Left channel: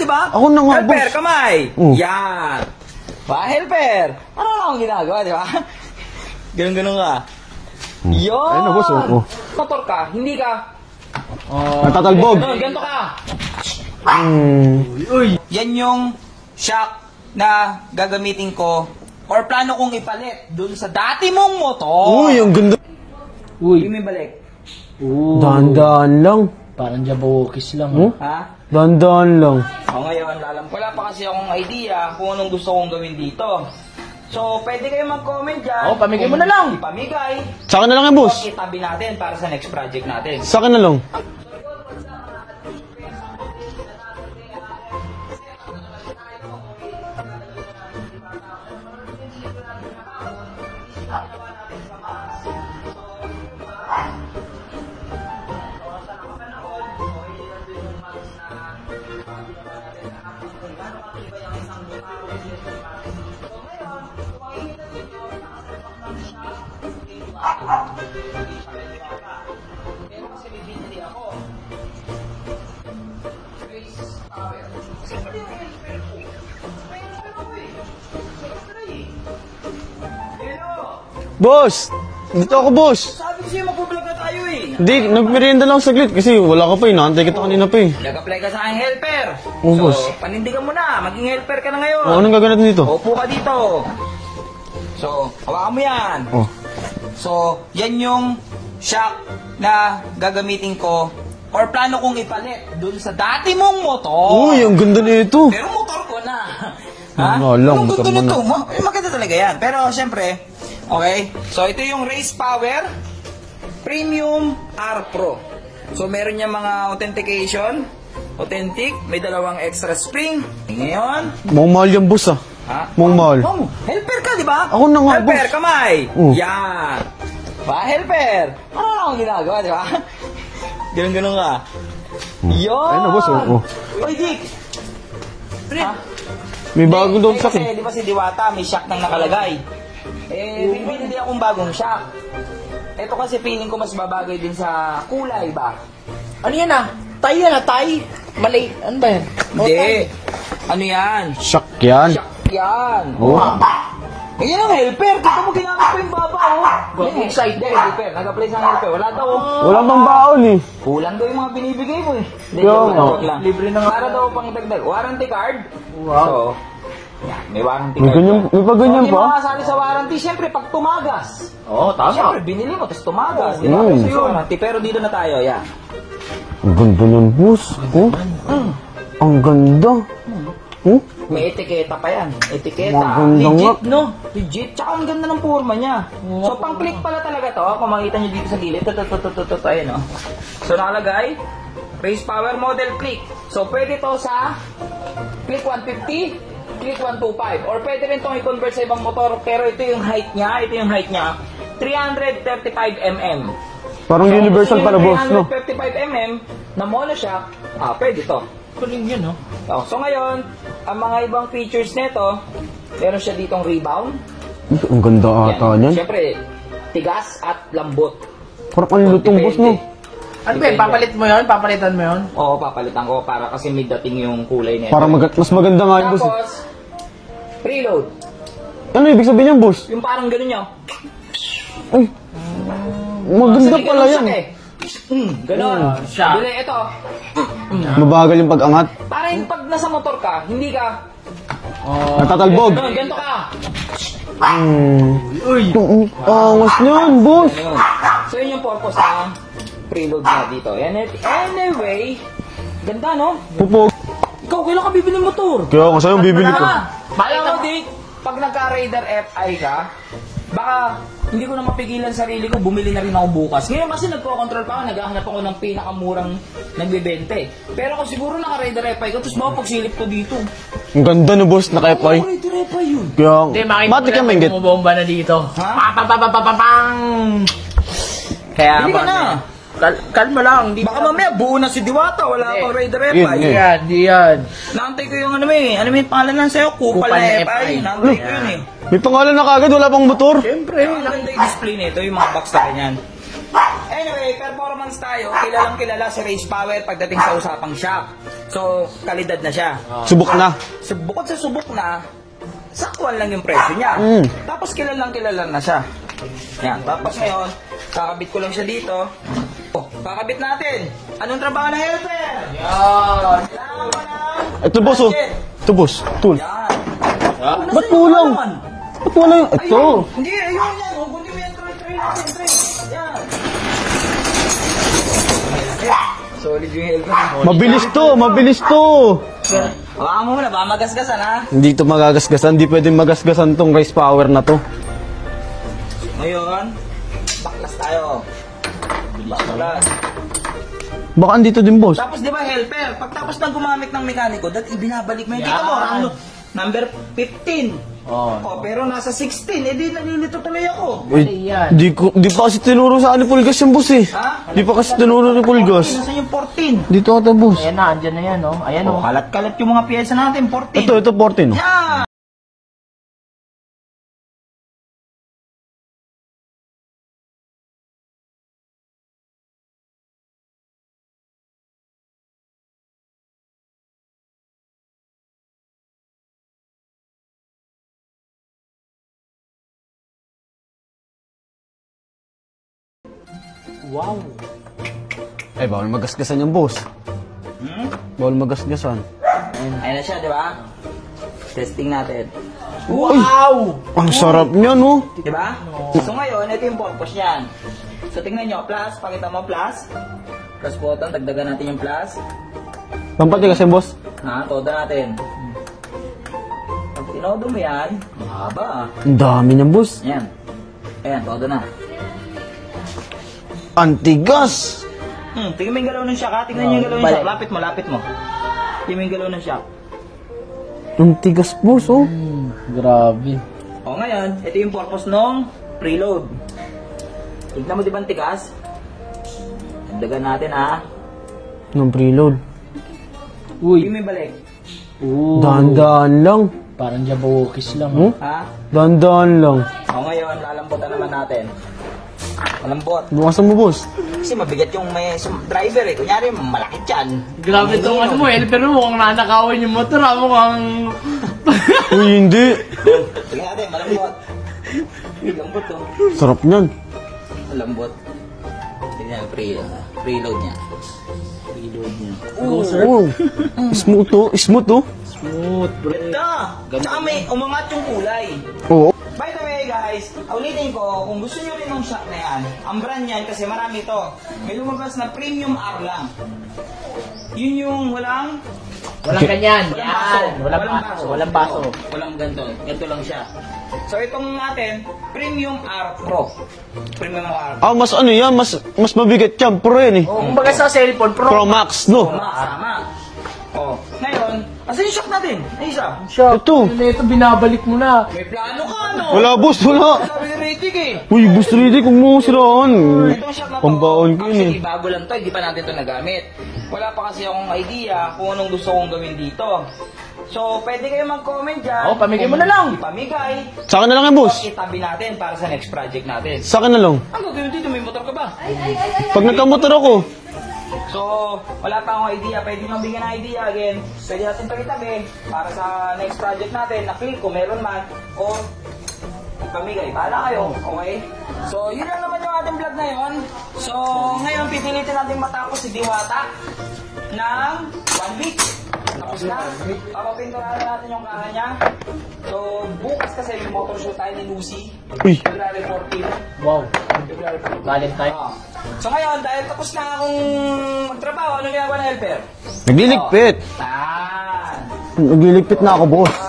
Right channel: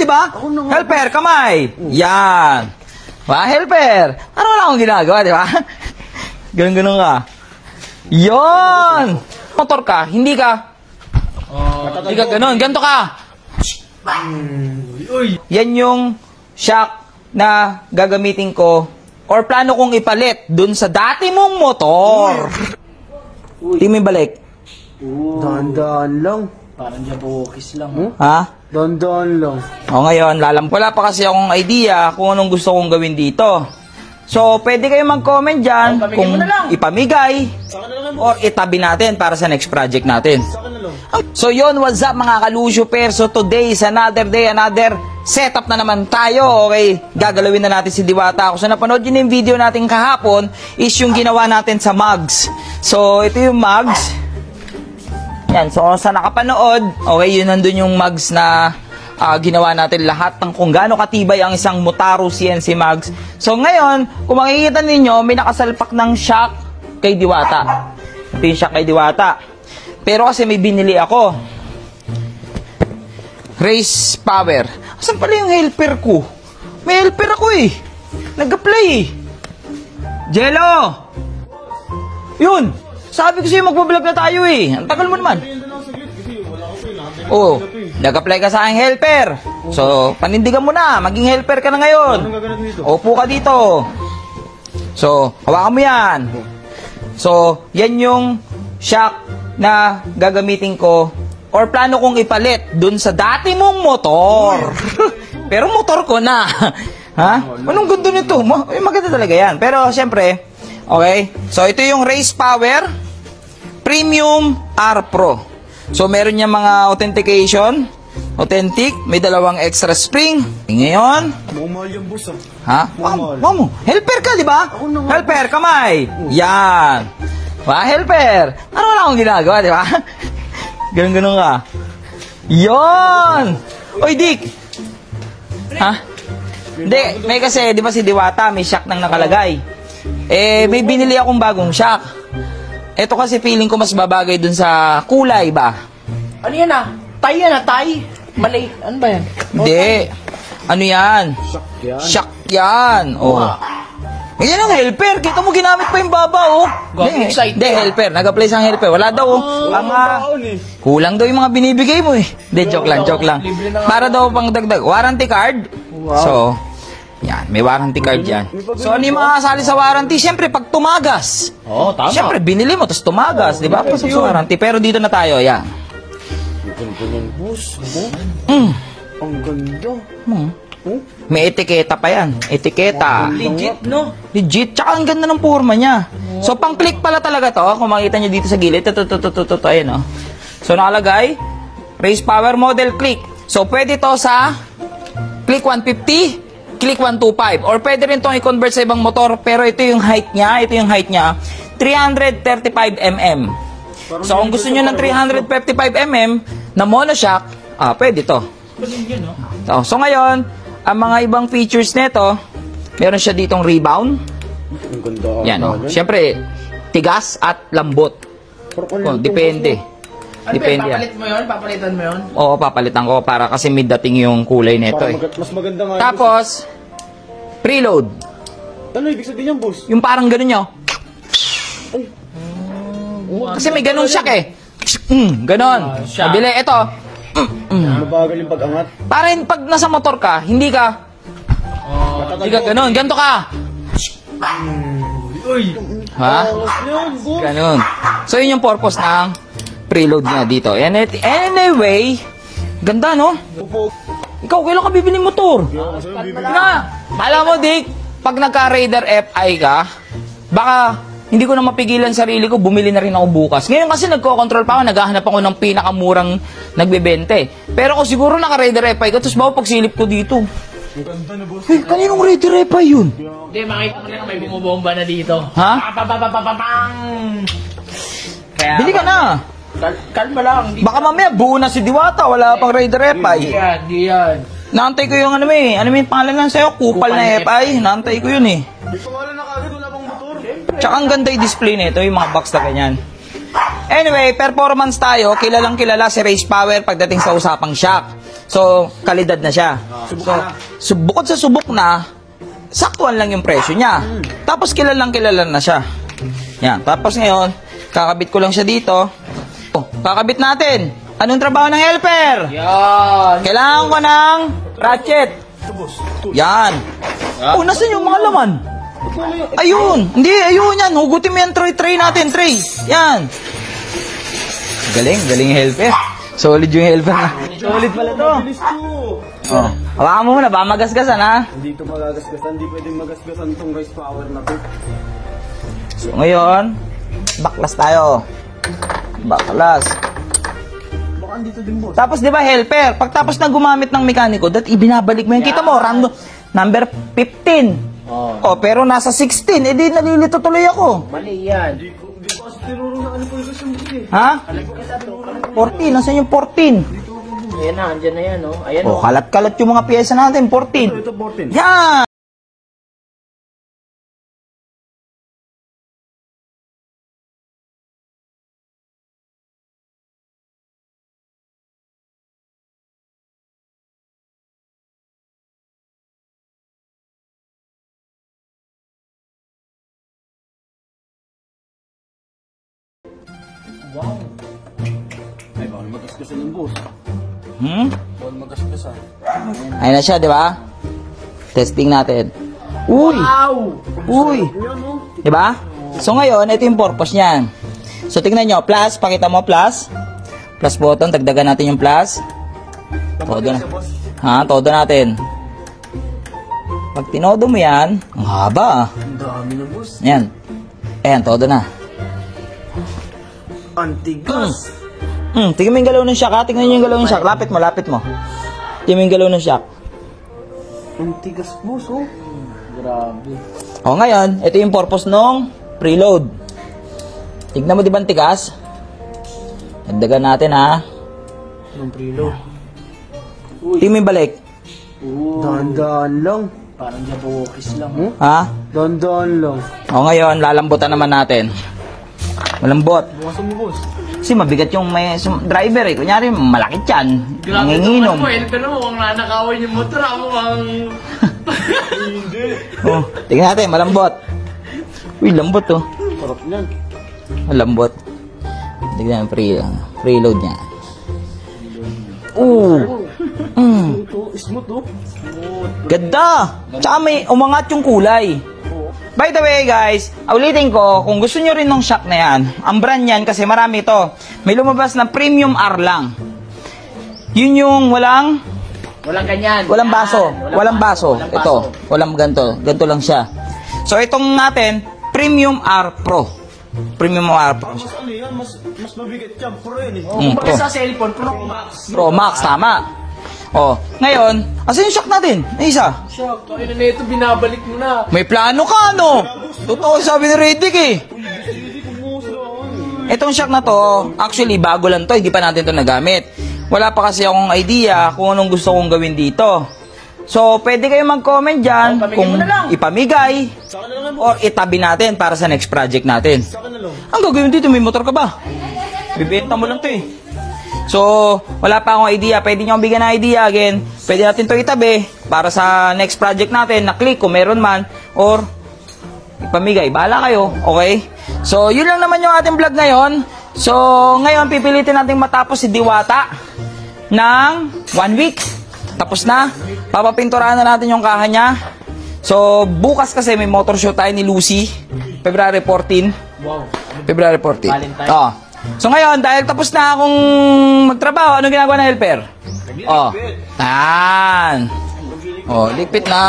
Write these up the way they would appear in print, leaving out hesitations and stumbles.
di ba? Ako na nga, Helper, boss. kamay. Yan. Helper. Ano wala akong ginagawa, di ba? Ganun-ganun ka. Yun! Motor ka, hindi ka. Hindi ka ganun, ganito ka. Yan yung shock na gagamitin ko or plano kong ipalit dun sa dati mong motor. Uy, ang ganda. Hindi mo ibalik. Dahan-dahan lang. Parang jabokis lang. Ha? Dahan-dahan lang. O ngayon, wala pa kasi akong idea kung anong gusto kong gawin dito. So, pwede kayo mag-comment dyan pamigay kung mo na lang. ipamigay Sa akin na lang yan, or boss. itabi natin para sa next project natin. Sa akin na lang. So yun, what's up mga Kalusyo Pair? So today is another day, another setup na naman tayo. Okay, gagalawin na natin si Diwata. Kung so napanood yun yung video natin kahapon is yung ginawa natin sa mugs. So ito yung mugs. Yan, so sa nakapanood, okay, yun nandun yung mugs na ginawa natin lahat ng kung gaano katibay ang isang Motaro CNC mugs. So ngayon, kung makikita ninyo, may nakasalpak ng shock kay Diwata. Ito yung shock kay Diwata. Pero kasi may binili ako. Race Power. Asan pala yung helper ko? May helper ako eh. Nag-apply eh. Jello! Boss! Yun! Ako, boss! Sabi ko sa'yo magbablog na tayo eh. Ang Hindi, tagal mo naman. nagmerienda lang saglit kasi wala ka pa eh. Naantay kita kanina pa eh. Nag-apply ka sa aking helper. Oh, So, boss. panindigan mo na. Maging helper ka na ngayon. Anong gagawin natin dito? Upo ka dito. So, hawakan mo yan. Oh. So, yan yung shock na gagamitin ko or plano kong ipalit dun sa dati mong motor. Uy, ang ganda nito. Pero motor ko na. Ha? Wala, Anong motor ganda mo nito? Maganda talaga yan. Pero, syempre, okay. So, ito yung Race Power Premium R Pro. So, meron niya mga authentication. Authentic. May dalawang extra spring. Ngayon, Mukhang mahal yan, boss ah. ha? Mukhang mahal. Mo. Helper ka, di ba? Ako na nga, Helper, boss. kamay. Oh. Yan. Helper. Ano wala akong ginagawa, di ba? Ganun-ganun ka. boss, Yun. oh. Oy, Dick. Ha? May bago daw. May kasi, di ba si Diwata, may shock nang nakalagay. May binili akong bagong shock. Ito kasi feeling ko mas babagay dun sa kulay ba? Ano yan ah? Tay yan ah, tay. Mali. Ano ba yan? Hindi. Ano yan? Shock yan. Shock yan. Oh. Yan ang helper. Kita mo ginamit pa yung baba, oh. Gawin excited. Hindi, helper. Nag-apply sa helper. Wala daw, oh. Wala pang baon eh. Kulang daw yung mga binibigay mo, eh. Hindi, joke lang, joke lang. Libre na nga. Para daw pang dagdag. Warranty card. So, yan. May warranty card yan. May So, ganyan hindi ba? makakasali sa warranty. Siyempre, pag tumagas. Oo, tama. Siyempre, binili mo, tapos tumagas. Di ba? Kasi warranty. Pero dito na tayo, yan. Ang ganda ng boss. Oh? Ang ganda. Oh? May etiketa pa yan. Etiketa. Ang ganda Legit, nga. no? Legit. Tsaka ang ganda ng forma niya. So, pang-click pala talaga to. Kung makita nyo dito sa gilid. Ito. Ayan, oh. So, nakalagay. Race Power Model Click. So, pwede to sa Click 150, Click 125. Or pwede rin itong i-convert sa ibang motor. Pero ito yung height niya. 335 mm. Parang So, kung gusto universal nyo ng para boss, no? 355 mm na monoshock, pwede to. Ano yan, no? So ngayon, ang mga ibang features nito, meron siya ditong rebound. Ang ganda Yan. ata niyan. Siyempre, tigas at lambot. Parang ang lutong boss Depende. mo. Ano ba yun? Papalit mo yun? Papalitan mo yun? Oo, papalitan ko para kasi may dating yung kulay nito. Para eh. mas maganda nga yung boss. Tapos, preload. Ano ibig sabihin niyan, boss? Yung parang ganun nyo. Ay. Maganda Kasi may ganun pala siya yan. Ganon. siya. Sabili, ito. Mabagal yung pag-angat. Para pag nasa motor ka, hindi ka Natatalbog. ganon. Ganito ka. Uy! Angas niyan, boss. Ganon. So, yun yung purpose ng preload niya dito. And anyway, ganda, no? Pupog. Ikaw, kailan ka bibili motor? Kaya ako sa'yo, bibili ko. Mala mo, Dick, pag nagka-Raider FI ka, baka hindi ko na mapigilan sarili ko, bumili na rin ako bukas. Ngayon kasi nagko-control pa ako, naghahanap ako ng pinakamurang nagbebente. Pero kung siguro naka-Raider FI ka, tapos bawa pagsilip ko dito. Ang ganda no, boss. Ano yung Naka-FI. Raider FI yun? Kaya, Hindi, makikita matik yung mainggit. bumomba na dito. Ha? Papapapapapang! Kaya Bili ka na. Kalma lang. Hindi Baka mamaya buo na si Diwata, wala pang Raider FI. Di yan. Naantay ko yung ano ano yung pangalan lang sa'yo, Kupal Kupal na na FI. Naantay ko yun eh. May pangalan na kagad, wala pang motor. Tsaka ang ganda yung display nito, yung mga box na ganyan. Anyway, performance tayo. Kilalang kilala si Race Power pagdating sa usapang shock. So, kalidad na siya. Subok na. So, bukod sa subok na, saktuan lang yung presyo niya. Tapos kilalang kilala na siya. Yan. Tapos ngayon, kakabit ko lang siya dito. Oh, kakabit natin. Anong trabaho ng helper? Yan. Kailangan ko ng Ito, boss. oh. ratchet. Ito, boss. Tool. Yan. Oh, nasa Ba't yung wala? mga laman? Ba't wala yung... Ito. Ayun. Hindi, ayun yan. Hugutin mo yung tray natin, tray. Yan. Galing helper. Solid yung helper na. Mabilis to, mabilis to. Hawakan mo muna, baka magasgasan ha. Hindi to magagasgasan, hindi pwedeng magasgasan tong rice power na to. So ngayon, baklas tayo. Baklas. Baka andito din, boss. Tapos di ba helper, pagtapos na gumamit ng mekaniko, ibinabalik mo yung kita mo, random, number 15. Oh, pero nasa 16, edi nalilito tuloy ako. Yan. Di pa kasi tinuro sa ni Pulgas yung boss eh. Ha? Di pa kasi tinuro ni Pulgas. 14, nasa yung 14? Dito ata, boss. Ayan na, andyan na yan, oh. Ayan, Oh, oh. kalat-kalat yung mga piyesa natin, 14. Ito 14. Yan! Wow. Ay, bawal magasgasan yung boss. Bawal magasgasan. Ayun na siya, di ba? Testing natin. Uy! Wow. Ang sarap niya, no? Di ba? So ngayon, ito yung purpose niyan. So tingnan nyo, plus, pakita mo plus. Plus button, dagdagan natin yung plus. Lampat niya kasi, boss. Ha, todo natin. Pag tinodo mo yan, ang haba ah. Ang dami niyang, boss. Yan. Ayan, todo na. Antigas! Tingnan mo yung galaw ng shock ha. Tingnan nyo yung galaw ng shock. Lapit mo. Tingnan mo yung galaw ng shock. Antigas, boss, oh. Grabe. O ngayon, ito yung purpose ng preload. Tignan mo di ba ang tigas? Dagdagan natin ha. Ng preload. Tingnan mo yung balik. Daan-daan lang. Parang jabokis lang. Ha? Daan-daan lang. O ngayon, lalambutan naman natin. Malambot. Bukasan mo, boss. Kasi mabigat yung may driver eh. Kunyari, malaki yan. Grabe naman mo, helper mo. Ang nanakawin yung motor, mukhang... Uy, hindi. Oh, tingnan natin, malambot. Uy, lambot to. Sarap niyan. Malambot. Tingnan yung preload niya. Oo. Smooth to. Smooth to. Ganda! Tsaka may umangat yung kulay. Oo. By the way guys, ulitin ko, kung gusto nyo rin ng shock na yan, ang brand yan kasi marami ito. May lumabas na premium R lang. Yun yung walang ganyan. walang Yan. baso. Walang baso. Walang Ito, baso. walang ganto. Ganto lang siya. So itong natin, Premium R Pro. Premium R Pro. Ah, mas ano yan? Mas mabigat yan. Pro yan eh. Kumbaga sa cellphone, Pro Max, no? Pro Max, tama. Oh, ngayon, asan yung shock natin? Ay, isa. Ito. Ito, binabalik mo na. May plano ka, no? Wala, boss, Oo, wala. sabi ni Redick eh. Uy, boss Riddick, kung mo siraan. Itong shock na to, Pambaon ko actually, bago lang to. Hindi pa natin to nagamit. Wala pa kasi akong idea kung anong gusto kong gawin dito. So, pwede kayo mag-comment dyan. pamigay kung mo na lang. ipamigay Sa akin na lang yan, or boss. itabi natin para sa next project natin. Sa akin na lang. Ang gagawin dito, may motor ka ba? Pag Bibenta nagkamotor mo ako, lang, So, wala pa akong idea. Pwede nyo akong bigyan ng idea again. Pwede natin to itabi para sa next project natin. Na-click kung meron man. Or, ipamigay. Bahala kayo. Okay? So, yun lang naman yung ating vlog ngayon. So, ngayon, pipilitin natin matapos si Diwata ng 1 week. Tapos na. Papapinturahan na natin yung kaha niya. So, bukas kasi may motor show tayo ni Lucy. Uy. February 14. Wow. February 14. Valentine. Oh. So ngayon, dahil tapos na akong magtrabaho, ano ginagawa ng helper? nagliligpit. Oh. Yan. Nagliligpit na ako, ligpit boss. na.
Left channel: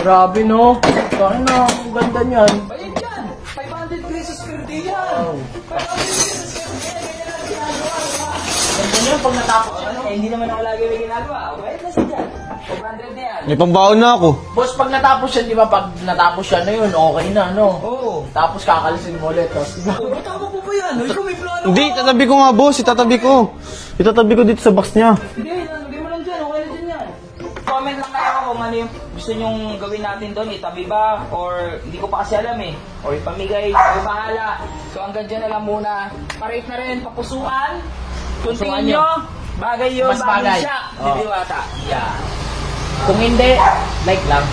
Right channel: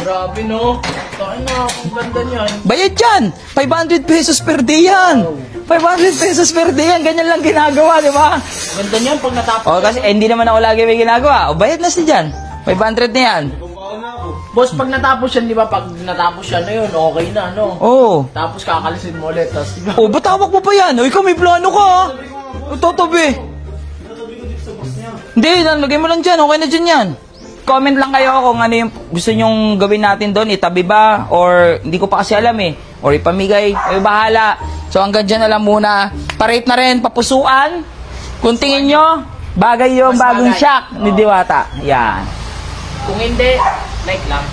Grabe, no? Ano, ganda niyan. Bayad yan. 500 pesos per day yan. 500 pesos per day yan. Ganyan lang ginagawa, di ba? Ganda niyan pagkatapos. O, kasi hindi naman ako lagi may ginagawa. O, bayad na siya dyan. 500 na yan. May pambaon na ako. Boss, pag natapos yan, di ba? Pag natapos yan na yun, okay na, no? Oo. Tapos kakalisin mo ulit, tapos di ba? O, ba't hawak mo pa yan? O, ikaw may plano Hindi, ka. itatabi ko nga, boss. Itatabi Tatabi. ko. Itatabi ko dito sa box niya. Hindi, lagay mo lang dyan. Okay na dyan yan. Comment lang kayo kung ano yung gusto nyong gawin natin doon. Itabi ba? Or hindi ko pa kasi alam eh. Or ipamigay. Kayo bahala. So hanggang dyan na lang muna. Pa-rate na rin, papusuan. Kung tingin nyo, Bagay yung Mas bagong bagay. shock ni Oo. Diwata. Yan. Kung hindi, like lang.